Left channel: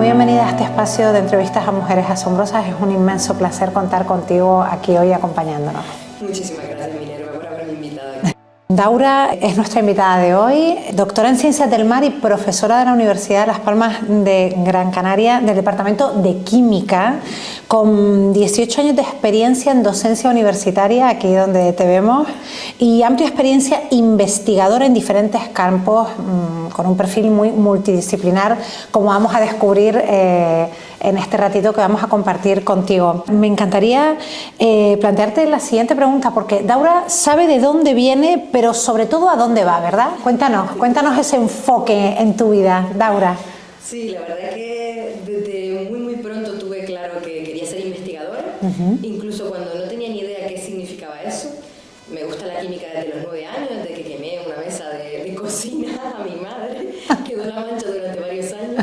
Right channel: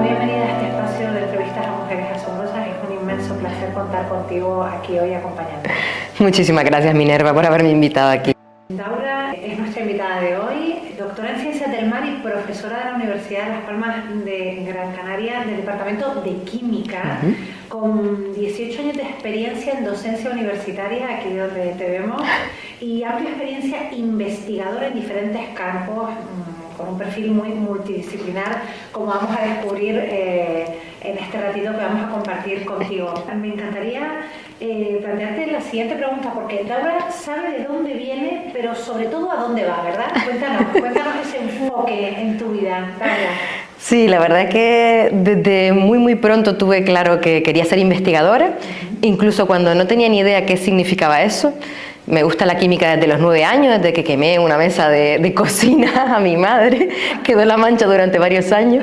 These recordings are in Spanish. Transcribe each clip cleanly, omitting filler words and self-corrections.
muy bienvenida a este espacio de entrevistas a mujeres asombrosas. Es un inmenso placer contar contigo aquí hoy acompañándonos. Muchísimas gracias, Minerva, por haberme invitado aquí. Daura es nuestra invitada de hoy, doctora en Ciencias del Mar y profesora de la Universidad de Las Palmas de Gran Canaria del Departamento de Química, con 18 años de experiencia en docencia universitaria, aquí donde te vemos, y amplia experiencia investigadora en diferentes campos, con un perfil muy multidisciplinar, como vamos a descubrir en este ratito que vamos a compartir contigo. Me encantaría plantearte la siguiente pregunta, porque Daura sabe de dónde viene, pero sobre todo a dónde va, ¿verdad? Cuéntanos ese enfoque en tu vida, Daura. Sí, la verdad es que desde muy pronto tuve claro que quería ser investigadora, incluso cuando no tenía ni idea qué significaba eso. Me gusta la química desde los 9 años, desde que quemé una mesa de cocina a mi madre, quedó la mancha durante varios años,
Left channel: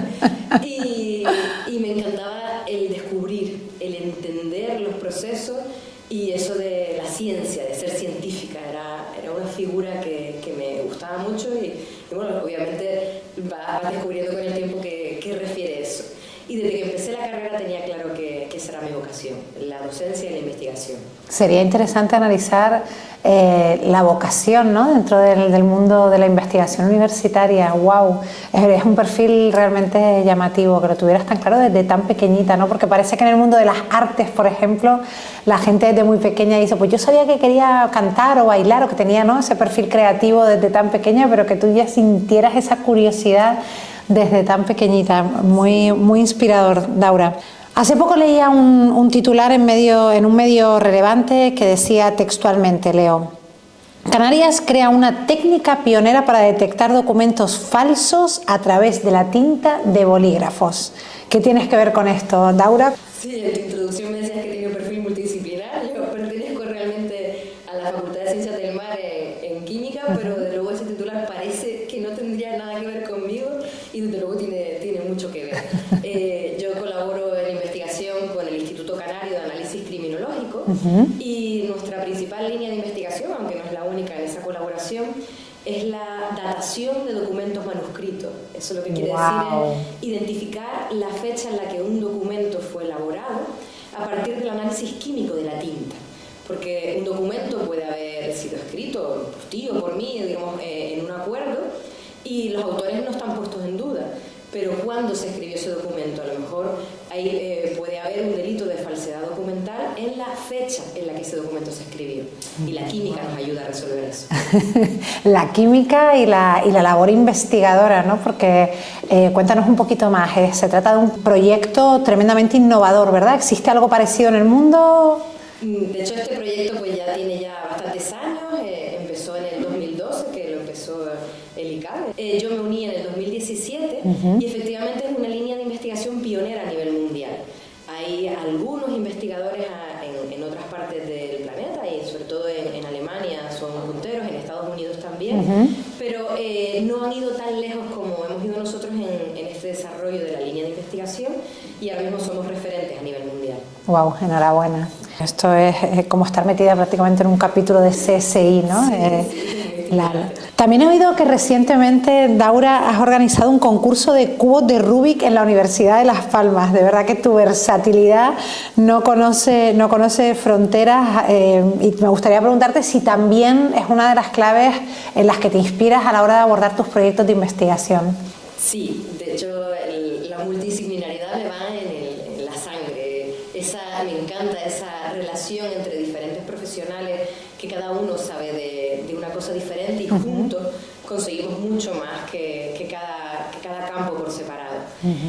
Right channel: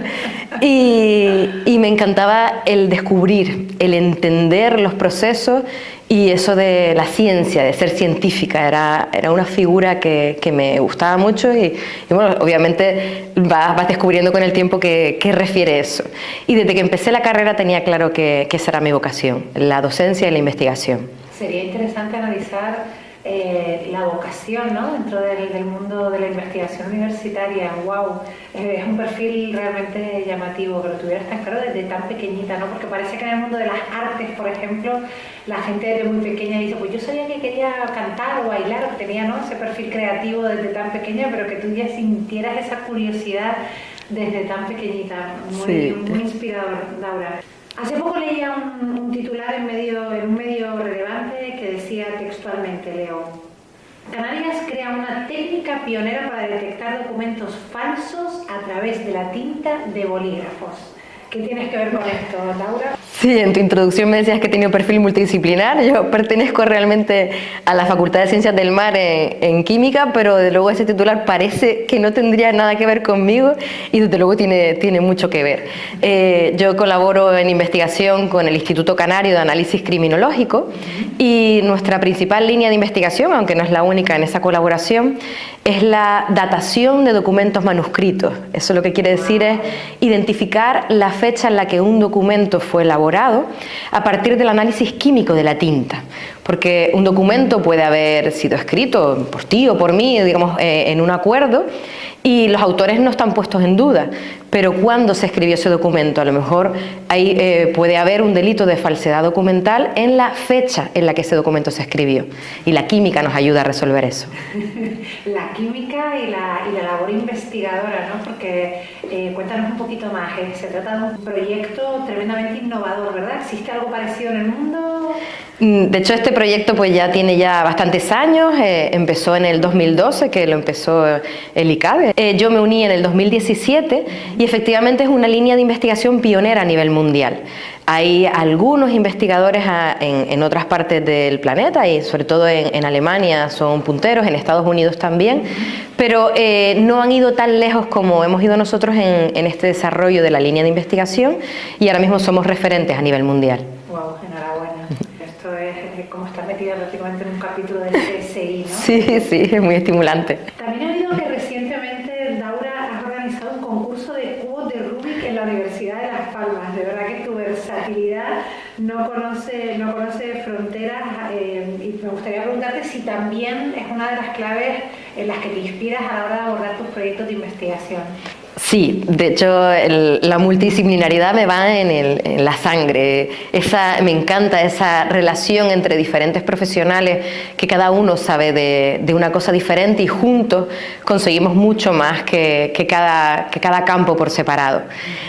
y me encantaba el descubrir, el entender los procesos, y eso de la ciencia, de ser científica, era una figura que me gustaba mucho, y bueno, obviamente vas descubriendo con el tiempo qué refiere eso. Y desde que empecé la carrera tenía claro que esa era mi vocación, la docencia y la investigación. Sería interesante analizar la vocación, ¿no?, dentro del mundo de la investigación universitaria. ¡Wow! Es un perfil realmente llamativo, que lo tuvieras tan claro desde tan pequeñita, ¿no? Porque parece que en el mundo de las artes, por ejemplo, la gente desde muy pequeña dice, pues yo sabía que quería cantar o bailar, o que tenía, ¿no?, ese perfil creativo desde tan pequeña, pero que tú ya sintieras esa curiosidad desde tan pequeñita. Muy inspirador, Daura. Hace poco leía un titular en un medio relevante que decía textualmente, leo: Canarias crea una técnica pionera para detectar documentos falsos a través de la tinta de bolígrafos. ¿Qué tienes que ver con esto, Daura? Sí, en tu introducción me decías que tenía un perfil multidisciplinar. Yo pertenezco realmente a la Facultad de Ciencias del Mar en Química, pero desde luego ese titular parece que no tendría nada que ver conmigo, y desde luego tiene mucho que ver. Yo colaboro en investigación con el Instituto Canario de Análisis Criminológico, y nuestra principal línea de investigación, aunque no es la única en esa colaboración, es la datación de documentos manuscritos. Eso lo que quiere decir es identificar la fecha en la que un documento fue elaborado a partir del análisis químico de la tinta. Porque un documento puede haber sido escrito por ti o por mí, digamos, en un acuerdo, y los autores no están puestos en duda, pero ¿cuándo se escribió ese documento? A lo mejor ahí puede haber un delito de falsedad documental en la fecha en la que ese documento se escribió, y la química nos ayuda a resolver eso. La química y la labor investigadora, ¿no? Porque cuéntanos un poquito más. Se trata de un proyecto tremendamente innovador, ¿verdad? ¿Existe algo parecido en el mundo? De hecho, este proyecto pues ya tiene bastantes años. Empezó en el 2012, que lo empezó el ICABE. Yo me uní en el 2017 y efectivamente es una línea de investigación pionera a nivel mundial. Hay algunos investigadores en otras partes del planeta, y sobre todo en Alemania son punteros, en Estados Unidos también, pero no han ido tan lejos como hemos ido nosotros en este desarrollo de la línea de investigación, y ahora mismo somos referentes a nivel mundial. Wow, enhorabuena. Esto es como estar metida prácticamente en un capítulo de CSI, ¿no? Sí, es muy estimulante. También he oído que recientemente, Daura, has organizado un concurso de cubos de Rubik en la Universidad de Las Palmas. De verdad que tu versatilidad no conoce fronteras, y me gustaría preguntarte si también es una de las claves en las que te inspiras a la hora de abordar tus proyectos de investigación. Sí, de hecho la multidisciplinaridad me va en la sangre. Me encanta esa relación entre diferentes profesionales, que cada uno sabe de una cosa diferente, y juntos conseguimos mucho más que cada campo por separado.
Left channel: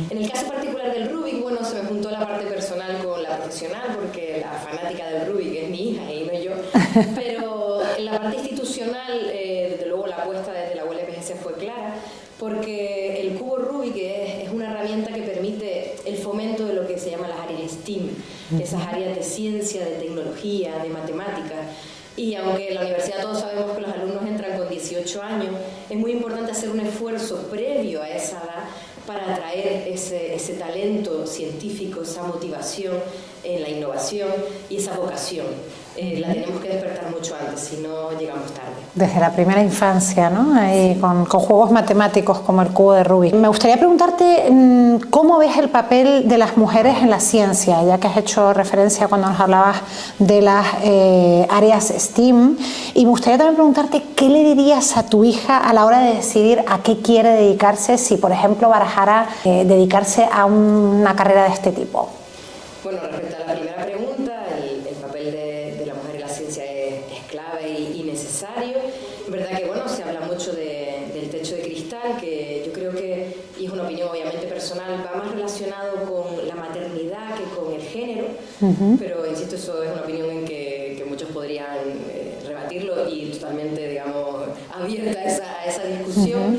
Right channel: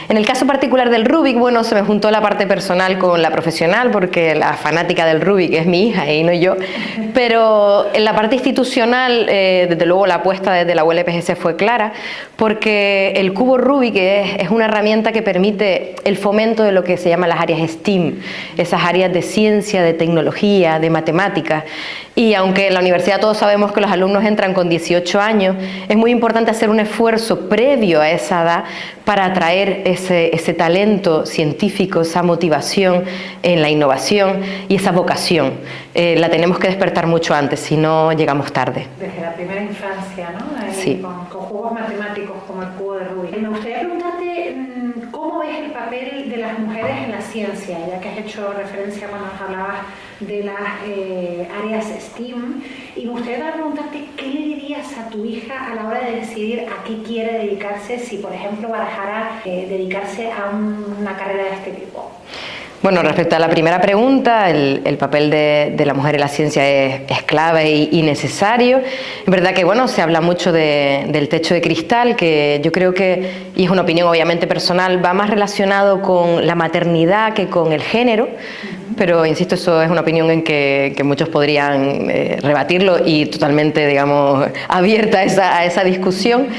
En el caso particular del Rubik, bueno, se me juntó la parte personal con la profesional, porque la fanática del Rubik es mi hija y no yo, pero en la parte institucional, desde luego la apuesta desde la ULPGC fue clara, porque el cubo Rubik es una herramienta que permite el fomento de lo que se llama las áreas STEAM, esas áreas de ciencia, de tecnología, de matemáticas. Y aunque en la universidad todos sabemos que los alumnos entran con 18 años, es muy importante hacer un esfuerzo previo a esa edad para atraer ese talento científico, esa motivación en la innovación y esa vocación. la tenemos que despertar mucho antes, si no llegamos tarde. Desde la primera infancia, ¿no? Ahí Sí. con juegos matemáticos como el cubo de Rubik. Me gustaría preguntarte cómo ves el papel de las mujeres en la ciencia, ya que has hecho referencia cuando nos hablabas de las áreas STEAM. Y me gustaría también preguntarte qué le dirías a tu hija a la hora de decidir a qué quiere dedicarse, si por ejemplo barajara dedicarse a una carrera de este tipo. Bueno, respecto a la primera pregunta, el papel de la mujer en la ciencia es clave y necesario. Es verdad que bueno, se habla mucho del techo de cristal, que yo creo que, y es una opinión obviamente personal, va más relacionado con la maternidad que con el género, pero insisto, eso es una opinión en que muchos podrían rebatirlo y totalmente, digamos, abierta a esa discusión.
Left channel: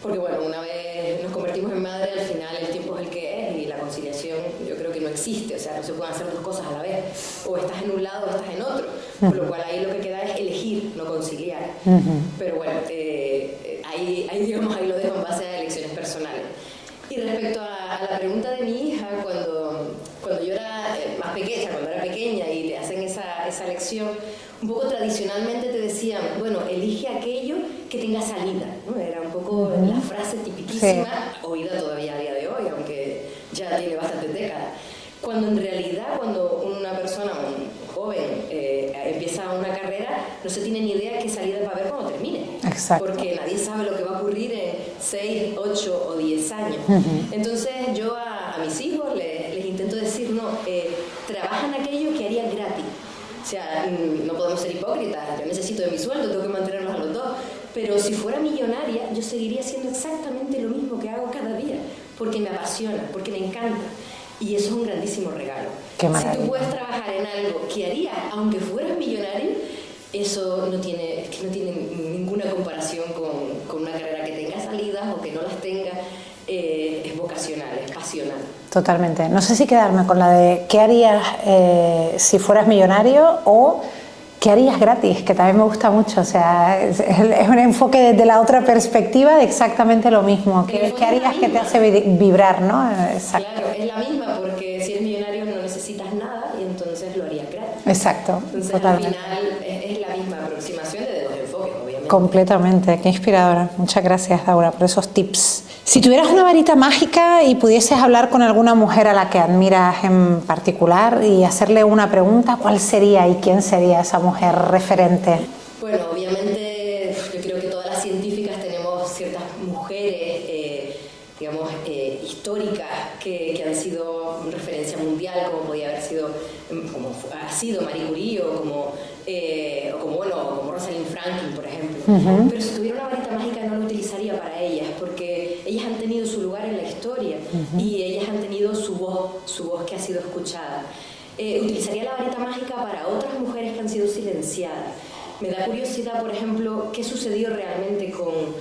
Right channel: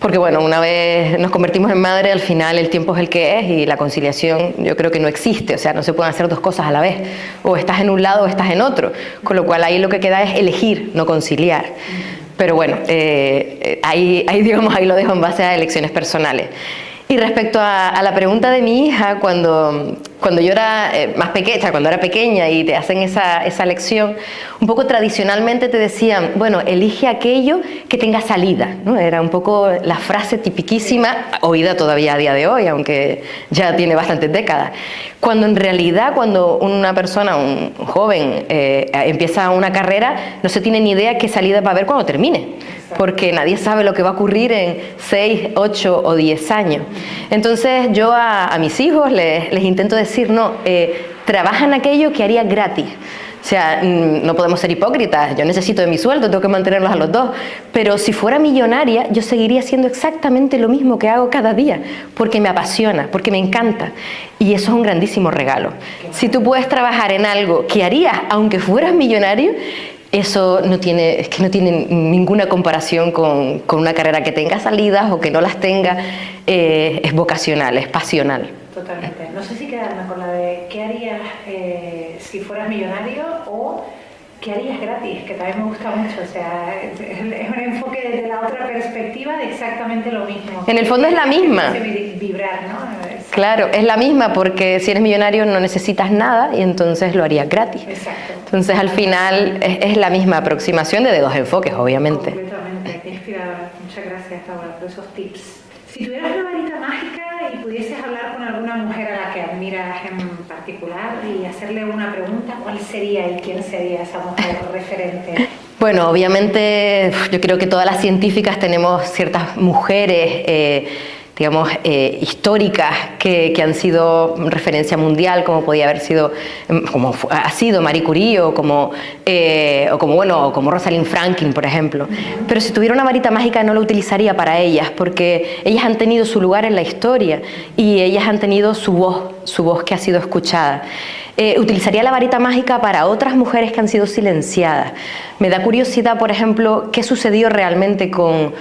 Porque bueno, una vez nos convertimos en madre, al final el tiempo es el que es y la conciliación yo creo que no existe, o sea, no se pueden hacer dos cosas a la vez, o estás en un lado o estás en otro, con lo cual ahí lo que queda es elegir, no conciliar. Pero bueno, ahí lo dejo en base a elecciones personales. Y respecto a la pregunta de mi hija, cuando yo era más pequeña, cuando era pequeña y te hacen esa lección, un poco tradicionalmente te decían, bueno, elige aquello que tenga salida, ¿no? Era un poco la frase tipiquísima, oída todavía a día de hoy, aunque ya tiene bastantes décadas. Cuando en realidad, cuando una persona, un joven, empieza una carrera, no se tiene ni idea qué salida va a haber cuando termine. Exacto. Porque nadie sabe lo que va a ocurrir en 6, 8 o 10 años. Entonces yo a mis hijos les intento decir, no, trabaja en aquello que haría gratis. O sea, no podemos ser hipócritas, yo necesito de mi sueldo, tengo que mantenerlos a los dos, pero si fuera millonaria yo seguiría haciendo exactamente lo mismo que hago cada día, porque me apasiona, porque me encanta, y eso es un grandísimo regalo. Si tú puedes trabajar en algo que harías aunque fueras millonario, eso no tiene ninguna comparación con una carrera que tenga salidas o que no las tenga. Es vocacional, es pasional. Totalmente. No sé si quedarme con la de qué harías si fueras millonario o qué harías gratis, que también me gusta mucho. O sea, es un enfoque desde la otra perspectiva de exactamente lo mismo. En el fondo es la misma. Que te hace vibrar, ¿no? Exacto. Claro, es la misma porque si eres millonario no necesitas nada y entonces lo harías gratis. Exacto. Entonces al final es la misma aproximación de dos enfoques, obviamente. Completamente. Qué inspiradora. Muchas gracias, Daura, por esos tips. Si tuvieras una varita mágica y pudieses hablar con alguna mujer a la que admiras en particular y hacerle una pregunta, ¿cuál sería y quién sería esa mujer referente? Bueno, obviamente yo creo que todas las científicas tenemos ciertas mujeres digamos, históricas que han sido referencia mundial, como podía haber sido, como ha sido Marie Curie o como Rosalind Franklin, por ejemplo. Pero si tuviera una varita mágica no la utilizaría para ellas, porque ellas han tenido su lugar en la historia y ellas han tenido su voz que ha sido escuchada. Utilizaría la varita mágica para otras mujeres que han sido silenciadas. Me da curiosidad, por ejemplo, qué sucedió realmente con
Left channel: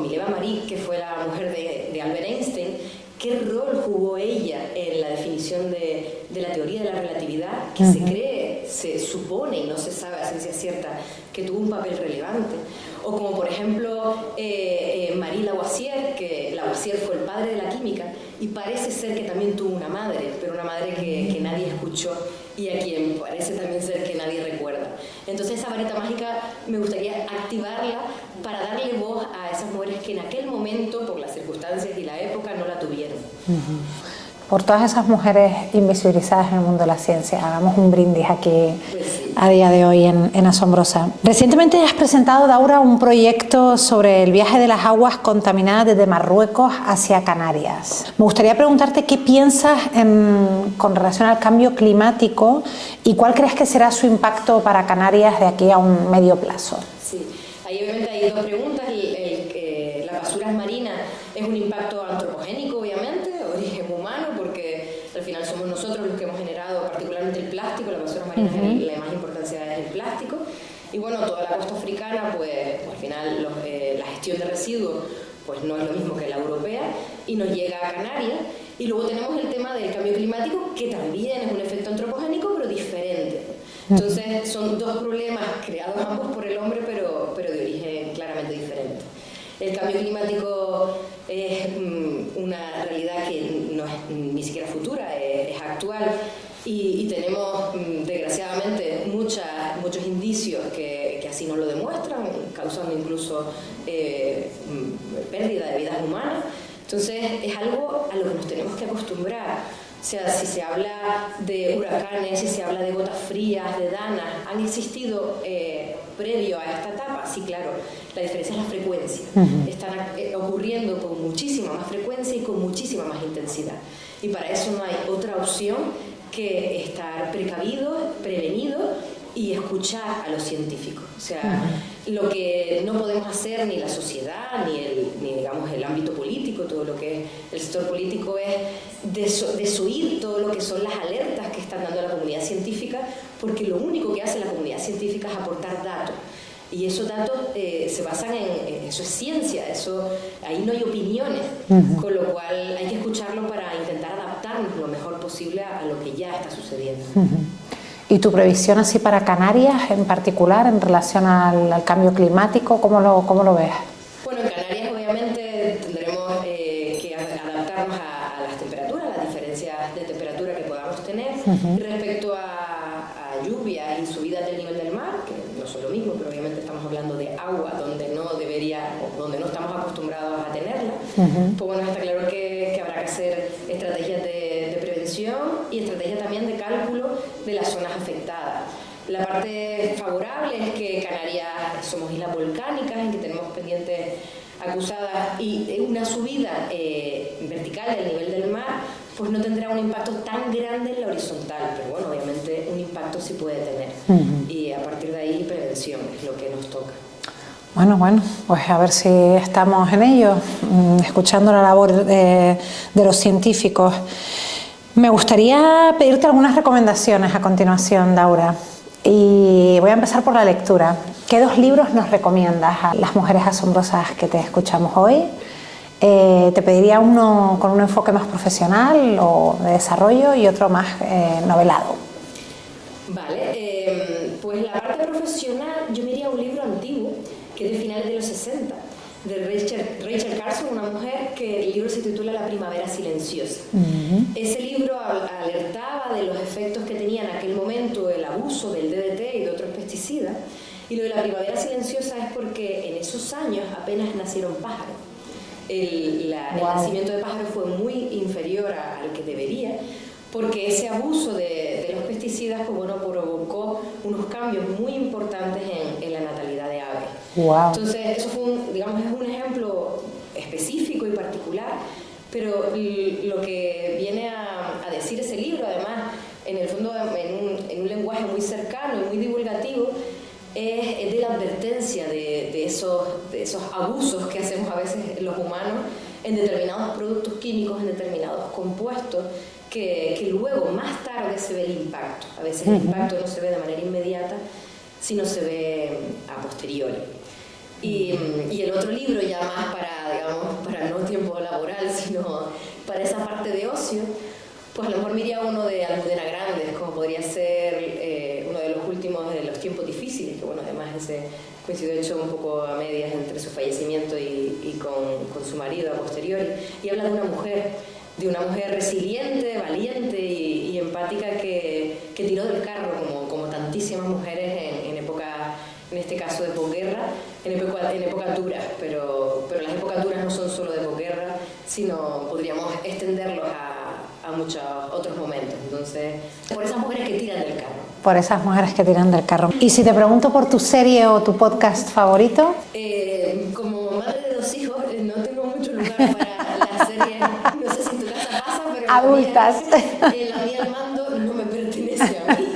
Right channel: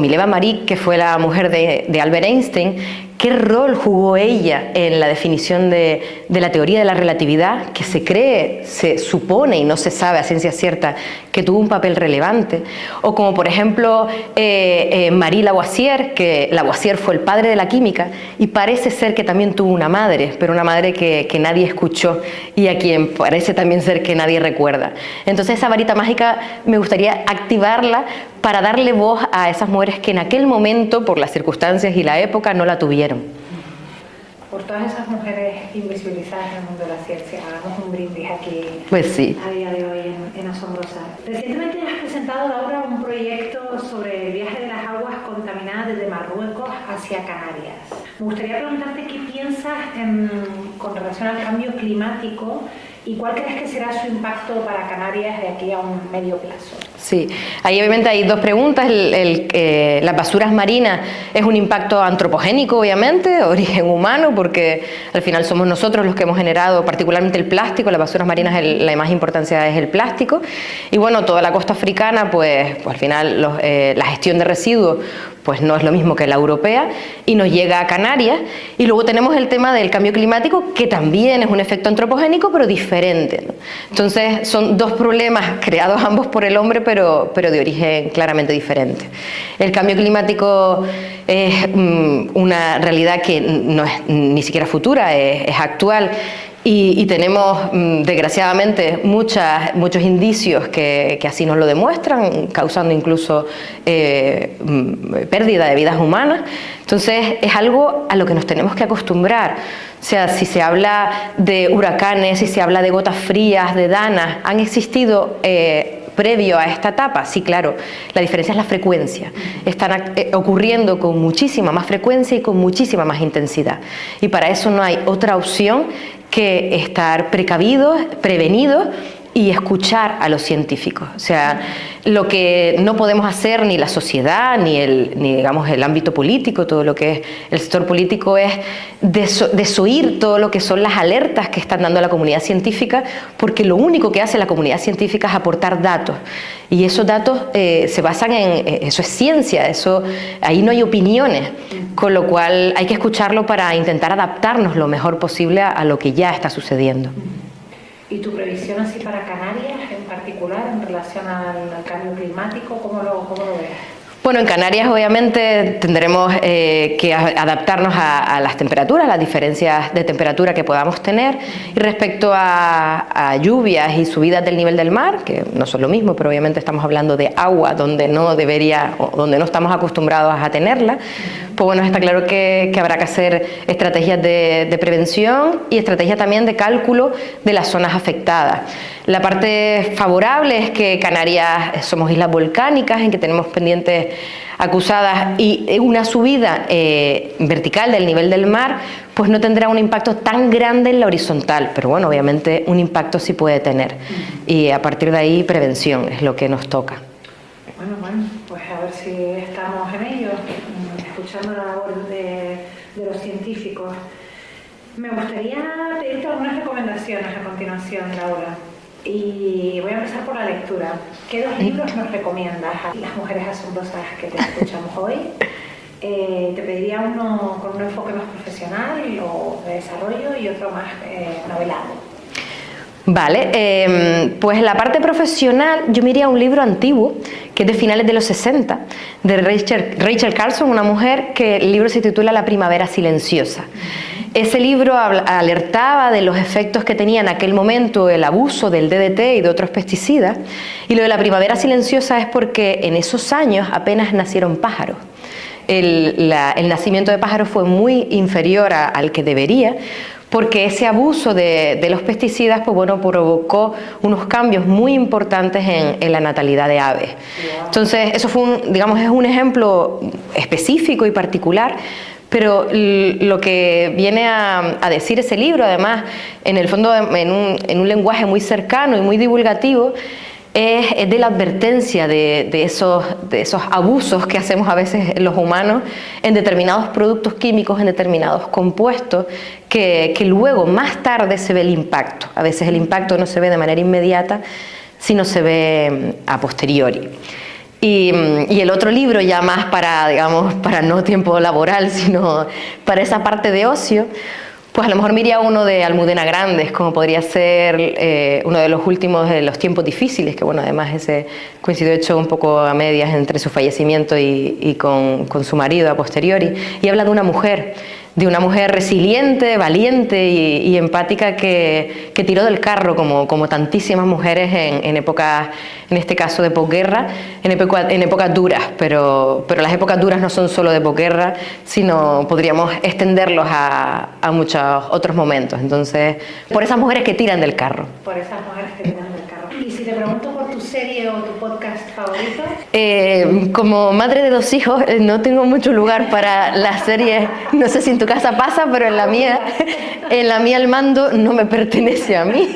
Mileva Marie, que fue la mujer de Albert Einstein. ¿Qué rol jugó ella en la definición de la teoría de la relatividad, que se cree, se supone y no se sabe a ciencia cierta que tuvo un papel relevante? O como por ejemplo Marie Lavoisier, que Lavoisier fue el padre de la química y parece ser que también tuvo una madre, pero una madre que nadie escuchó y a quien parece también ser que nadie recuerda. Entonces esa varita mágica me gustaría activarla para darle voz a esas mujeres que en aquel momento, por las circunstancias y la época, no la tuvieron. Por todas esas mujeres invisibilizadas en el mundo de la ciencia, hagamos un brindis aquí, pues sí, a día de hoy en Asombrosa. Recientemente has presentado, Daura, un proyecto sobre el viaje de las aguas contaminadas desde Marruecos hacia Canarias. Me gustaría preguntarte qué piensas con relación al cambio climático y cuál crees que será su impacto para Canarias de aquí a un medio plazo. Sí, ahí obviamente hay dos preguntas. Las basuras marinas es un impacto antropogénico, obviamente, origen humano, porque al final somos nosotros los que hemos generado particularmente el plástico. Las basuras marinas, la más importancia es el plástico. Y bueno, toda la costa africana, pues al final la gestión de residuos pues no es lo mismo que la europea y nos llega a Canarias. Y luego tenemos el tema del cambio climático, que también es un efecto antropogénico, pero diferente, ¿no? Entonces son dos problemas creados ambos por el hombre, pero de origen claramente diferente. El cambio climático es una realidad que no es ni siquiera futura, es actual. y tenemos desgraciadamente muchos indicios que así nos lo demuestran, causando incluso pérdida de vidas humanas. Entonces es algo a lo que nos tenemos que acostumbrar. O sea, si se habla de huracanes, si se habla de gotas frías, de danas, han existido previo a esta etapa. Sí, claro, la diferencia es la frecuencia. Están ocurriendo con muchísima más frecuencia y con muchísima más intensidad. Y para eso no hay otra opción que estar precavidos, prevenidos y escuchar a los científicos. O sea, lo que no podemos hacer ni la sociedad, ni digamos, el ámbito político, todo lo que es el sector político, es desoír todo lo que son las alertas que están dando la comunidad científica, porque lo único que hace la comunidad científica es aportar datos. Y esos datos se basan eso es ciencia, ahí no hay opiniones, con lo cual hay que escucharlo para intentar adaptarnos lo mejor posible a lo que ya está sucediendo. ¿Y tu previsión así para Canarias en particular en relación al cambio climático? ¿Cómo lo ves? Bueno, en Canarias obviamente tendremos que adaptarnos a las temperaturas, las diferencias de temperatura que podamos tener. Y respecto a lluvias y subidas del nivel del mar, que no son lo mismo, pero obviamente estamos hablando de agua donde no estamos acostumbrados a tenerla, pues bueno, está claro que habrá que hacer estrategias de prevención y estrategias también de cálculo de las zonas afectadas. La parte favorable es que Canarias somos islas volcánicas en que tenemos pendientes acusadas y una subida vertical del nivel del mar pues no tendrá un impacto tan grande en la horizontal, pero bueno, obviamente un impacto sí puede tener y a partir de ahí prevención es lo que nos toca. Bueno, pues a ver si estamos en ello, escuchando la labor de los científicos. Me gustaría pedirte algunas recomendaciones a continuación, Laura. Y voy a empezar por la lectura. ¿Qué 2 libros nos recomiendas a las mujeres asombrosas que te escuchamos hoy? Te pediría uno con un enfoque más profesional o de desarrollo y otro más novelado. Vale, pues la parte profesional yo me iría a un libro antiguo que es de finales de los 60 de Rachel Carson, una mujer que el libro se titula La primavera silenciosa. Ese libro alertaba de los efectos que tenía en aquel momento el abuso del DDT y de otros pesticidas, y lo de la primavera silenciosa es porque en esos años apenas nacieron pájaros. El nacimiento de pájaros fue muy inferior al que debería, porque ese abuso de los pesticidas pues bueno, provocó unos cambios muy importantes en la natalidad de aves. Wow. Entonces eso fue es un ejemplo específico y particular, pero lo que viene a decir ese libro, además, en el fondo en un lenguaje muy cercano y muy divulgativo, es de la advertencia de esos abusos que hacemos a veces los humanos en determinados productos químicos, en determinados compuestos, que luego más tarde se ve el impacto. A veces el impacto no se ve de manera inmediata, sino se ve a posteriori. Y el otro libro, ya más para no tiempo laboral, sino para esa parte de ocio, pues a lo mejor me iría uno de Almudena Grandes, como podría ser uno de los últimos de Los tiempos difíciles, que bueno, además ese coincidió hecho un poco a medias entre su fallecimiento y con su marido a posteriori, y habla de una mujer resiliente, valiente y empática que tiró del carro como tantísimas mujeres en épocas, en este caso de posguerra, en épocas duras, pero las épocas duras no son solo de posguerra, sino podríamos extenderlos a muchos otros momentos. Entonces, por esas mujeres que tiran del carro. Por esas mujeres que tiran del carro. Y si te pregunto por tu serie o tu podcast favorito. Como madre de 2 hijos, no tengo mucho lugar para las series. No sé si en tu casa pasa, pero en la mía el mando no me pertenece a mí.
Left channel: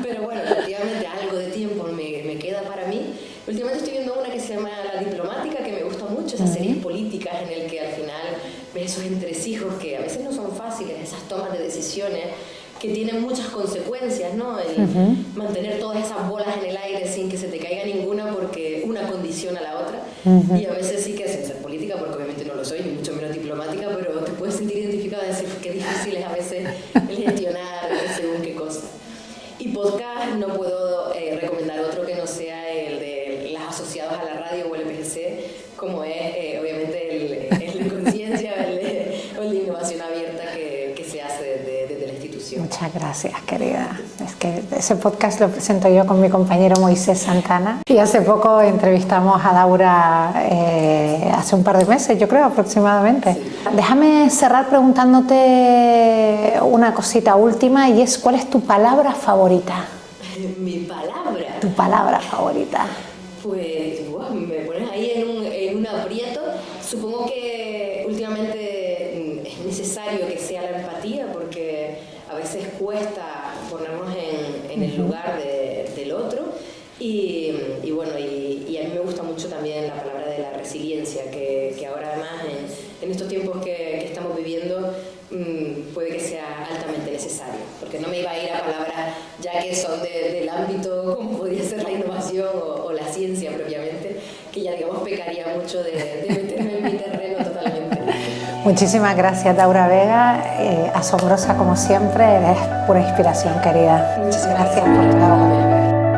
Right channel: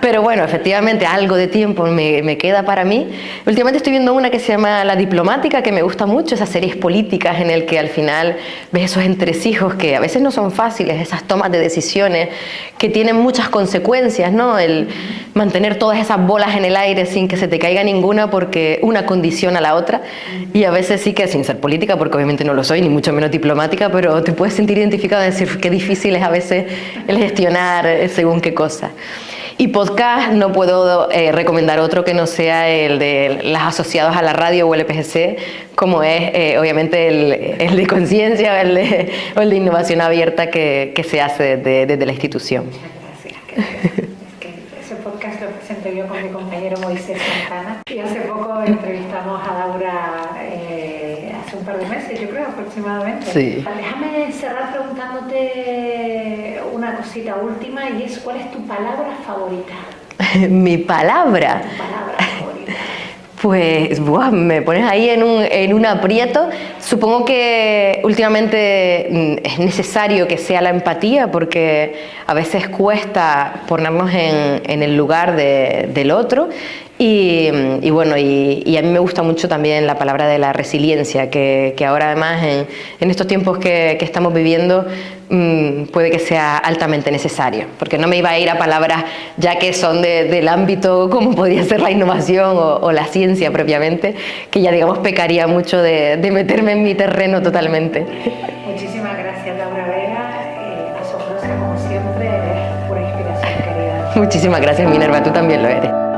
Pero bueno, efectivamente algo de tiempo me queda para mí. Últimamente estoy viendo una que se llama La diplomática, que me gusta mucho, esas series políticas en el que al final ves esos entresijos que a veces no son fáciles, esas tomas de decisiones que tienen muchas consecuencias, ¿no? El mantener todas esas bolas en el aire sin que se te caiga ninguna porque una condiciona a la otra, y a veces sí que sin ser política, porque obviamente no lo soy, ni mucho menos diplomática, pero te puedes sentir identificado y decir qué difícil es a veces el gestionar según qué cosa. Y podcast no puedo recomendar otro que no sea el de las asociadas a la radio o el EPGC, como es obviamente el de conciencia o el de innovación abierta que se hace desde la institución. Muchas gracias, querida. Es que ese podcast lo presento yo con mi compañero Moisés Santana y hace poco entrevistamos a Daura hace un par de meses, yo creo, aproximadamente. Sí. Déjame cerrar preguntándote una cosita última, y es: ¿cuál es tu palabra favorita? Mi palabra. Tu palabra favorita. Pues me pones ahí en un aprieto. Supongo que últimamente es necesario que sea la empatía, porque a veces cuesta ponernos en el lugar del otro. Y bueno, y a mí me gusta mucho también la palabra de la resiliencia, que ahora además en estos tiempos que estamos viviendo puede que sea altamente necesario, porque no me iba a ir a palabras ya que son del ámbito como podía ser la innovación o la ciencia propiamente, que ya digamos pecaría mucho de meterme en mi terreno totalmente. Muchísimas gracias, Daura Vega, asombrosa como siempre, eres pura inspiración, querida. Muchísimas gracias, Minerva, tú también lo eres.